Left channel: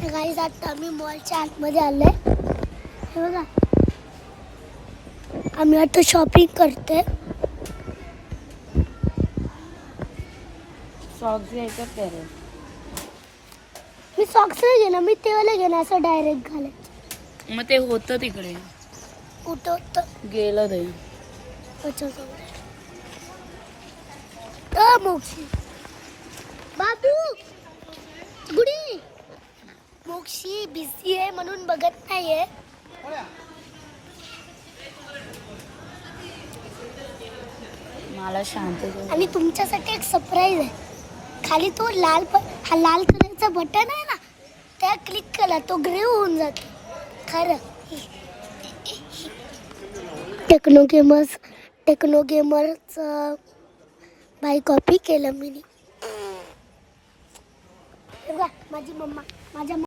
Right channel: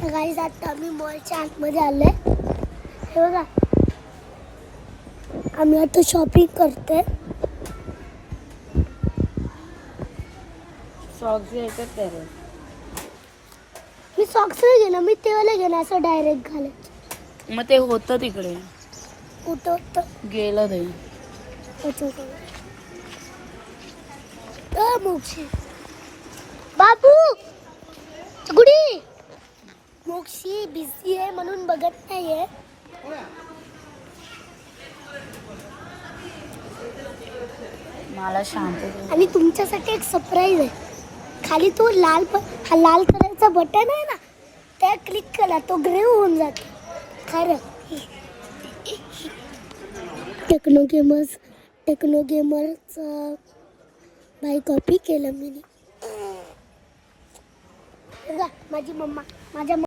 तर गाईज आता आम्ही मॉलच्या आतमध्ये आलोय. हे बघा, आम्ही आता शॉपिंग करतोय. सॉक्स घ्यायचं त्याला. मी सॉक्स नाही घेणार, मी तेवाला घेणार असं डायरेक्ट घालत. मग ते होतं तिकडे, कुठं होतं? गेलं ते. मोक्षी बाबू गुडी, मोक्षी बिझी आहे म्हणून बघत नाहीये. मला शांत. आणि तुमच्यासाठी एक सरप्राईज आहे. खाली तो लाल कलरचा बटन आहे ना, त्या क्लिक केला तो ग्रे होऊन जातो. खरं टेक्नो गेमरचं बाई कॉपी केलं मी. माझी मम्मा, माझ्या